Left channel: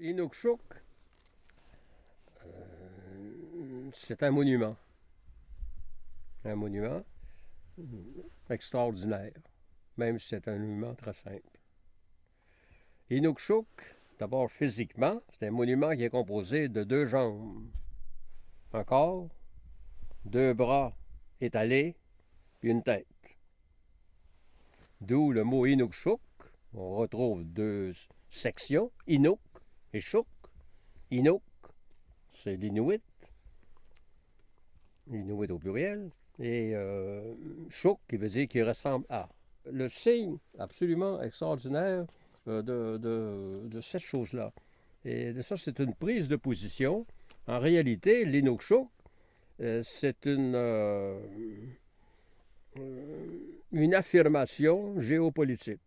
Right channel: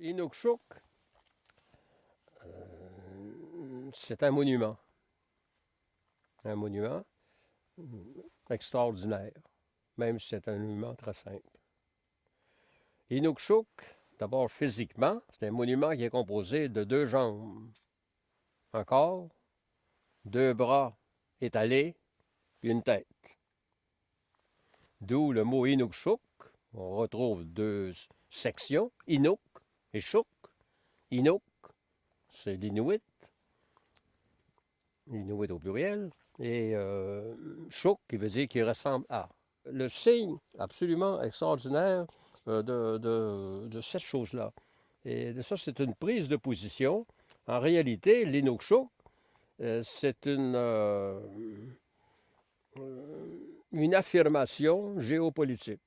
Inukshuk, c'est un monument. Un monument extraordinaire, même si c'est un monument très simple. Inukshuk, d'abord physiquement, c'est un monument qui est composé de 2 jambes, un corps, 2 bras étalés, une tête. D'où le mot Inukshuk. On retrouve 2 sections, Inuk et Shuk. Inuk, c'est l'Inuit, l'Inuit au pluriel, et Shuk, qui veut dire qu'il ressemble à. Le signe absolument extraordinaire de cette chose-là. Et de ça, c'est une prise de position. En réalité, l'Inukshuk, c'est une affirmation géopolitique.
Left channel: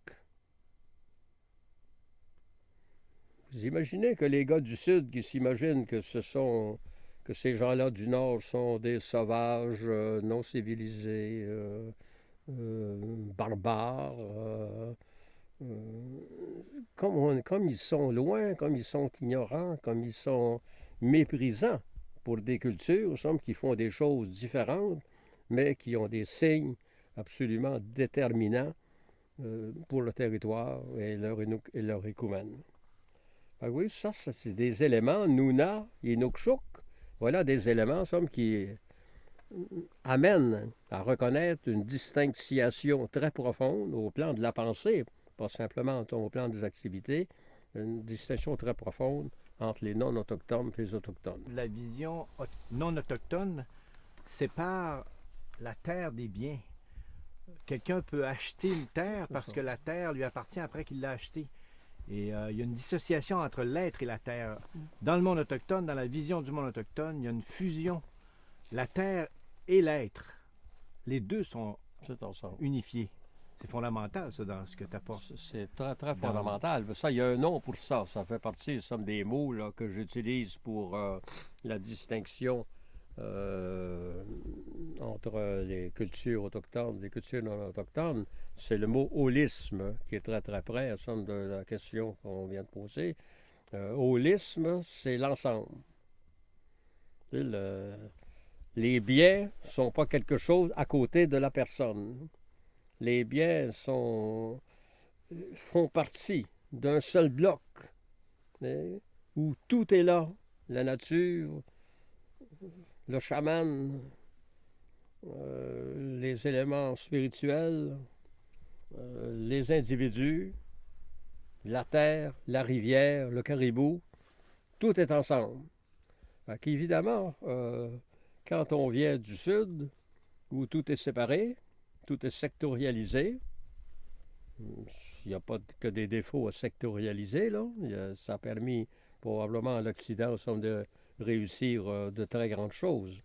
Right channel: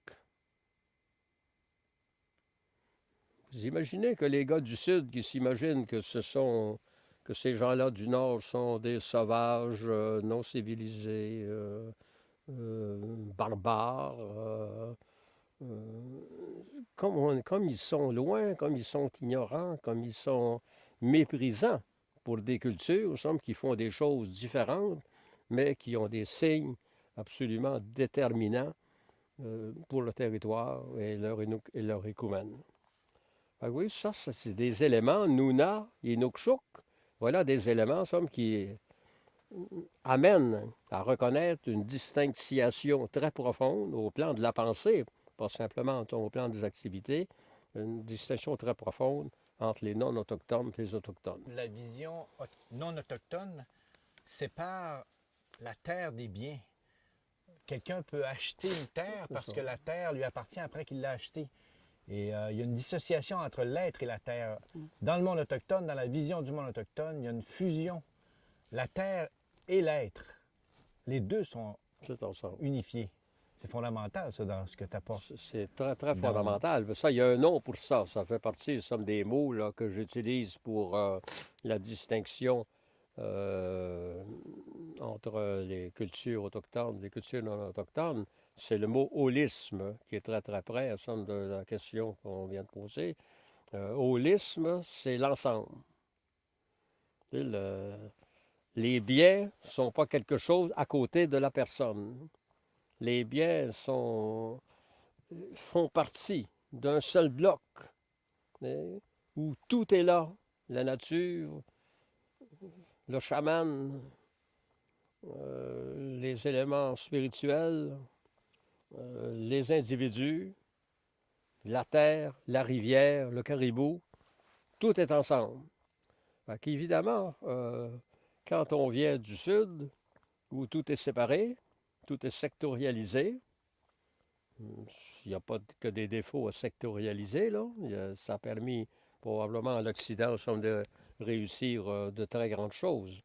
Vous imaginez que les gars du Sud qui s'imaginent que ces gens-là du Nord sont des sauvages, non civilisés, barbares, comme ils sont loin, comme ils sont ignorants, comme ils sont méprisants pour des cultures, il semble qu'ils font des choses différentes, mais qui ont des signes absolument déterminants pour le territoire et leur écoumène. Ah oui, ça, c'est des éléments, Nuna, Inukshuk, voilà des éléments, somme, qui amènent à reconnaître une distanciation très profonde au plan de la pensée, pas simplement au plan des activités, une distinction très profonde entre les non-autochtones et les autochtones. La vision non-autochtone sépare la terre des biens. Quelqu'un peut acheter une terre parce que la terre lui appartient après qu'il l'a achetée. Et il y a une dissociation entre l'être et la terre. Dans le monde autochtone, dans la vision du monde autochtone, il y a une fusion. La terre et l'être, les deux sont unifiés. C'est fondamental, ça, dans ce que tu apportes. C'est très, très fondamental. Ça, il y a un nom pour ça. Ça fait partie, somme, des mots là, que j'utilise pour la distinction entre les cultures autochtones et les cultures non autochtones. C'est le mot holisme qui est très, très près à somme de la question qu'on vient de poser. Holisme, c'est l'ensemble. Les biens ne sont pas quelque chose à côté de la personne. Les biens font partie d'un seul bloc, où tout est là. La nature, le chaman, les éléments spirituels, les individus, la terre, la rivière, le caribou, tout est ensemble. Fait qu'évidemment, quand on vient du Sud, où tout est séparé, tout est sectorialisé, il n'y a pas que des défauts à sectorialiser, là. Ça a permis probablement à l'Occident de réussir de très grandes choses.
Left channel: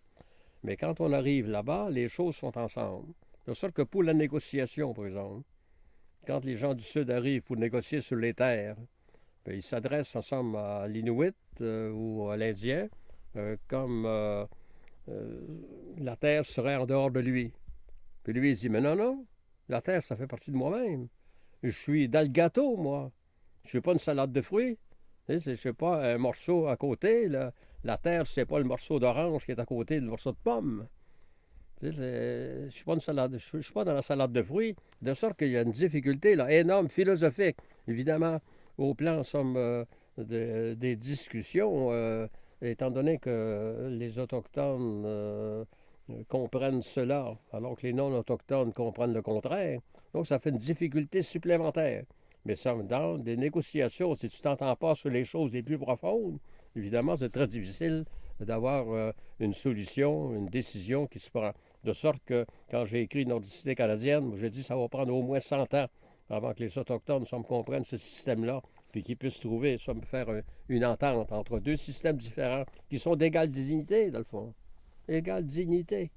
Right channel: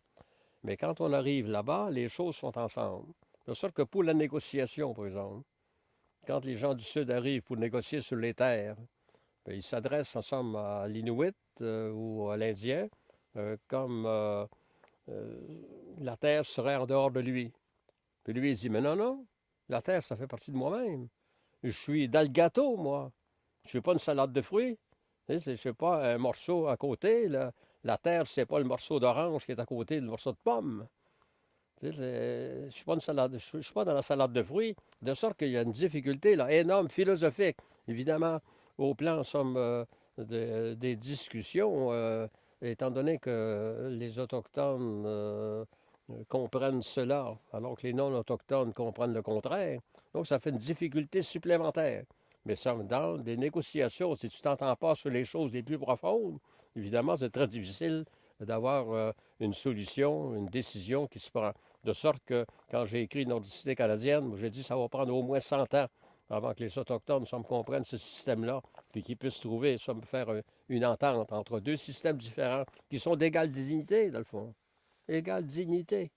Mais quand on arrive là-bas, les choses sont ensemble. De sorte que pour la négociation, par exemple, quand les gens du Sud arrivent pour négocier sur les terres, bien, ils s'adressent ensemble à l'Inuit ou à l'Indien comme la terre serait en dehors de lui. Puis lui, il dit, mais non, non, la terre, ça fait partie de moi-même. Je suis dans le gâteau, moi. Je suis pas une salade de fruits. Je ne suis pas un morceau à côté. La terre, c'est pas le morceau d'orange qui est à côté du morceau de pomme. Je ne suis pas je suis pas dans la salade de fruits. De sorte qu'il y a une difficulté là, énorme, philosophique, évidemment, au plan, somme, des discussions, étant donné que les Autochtones comprennent cela, alors que les non-autochtones comprennent le contraire. Donc, ça fait une difficulté supplémentaire. Mais ça, dans des négociations, si tu t'entends pas sur les choses les plus profondes, évidemment, c'est très difficile d'avoir une solution, une décision qui se prend. De sorte que, quand j'ai écrit Nordicité canadienne, j'ai dit que ça va prendre au moins 100 ans avant que les Autochtones comprennent ce système-là, puis qu'ils puissent trouver, faire une entente entre 2 systèmes différents qui sont d'égale dignité, dans le fond. Égale dignité.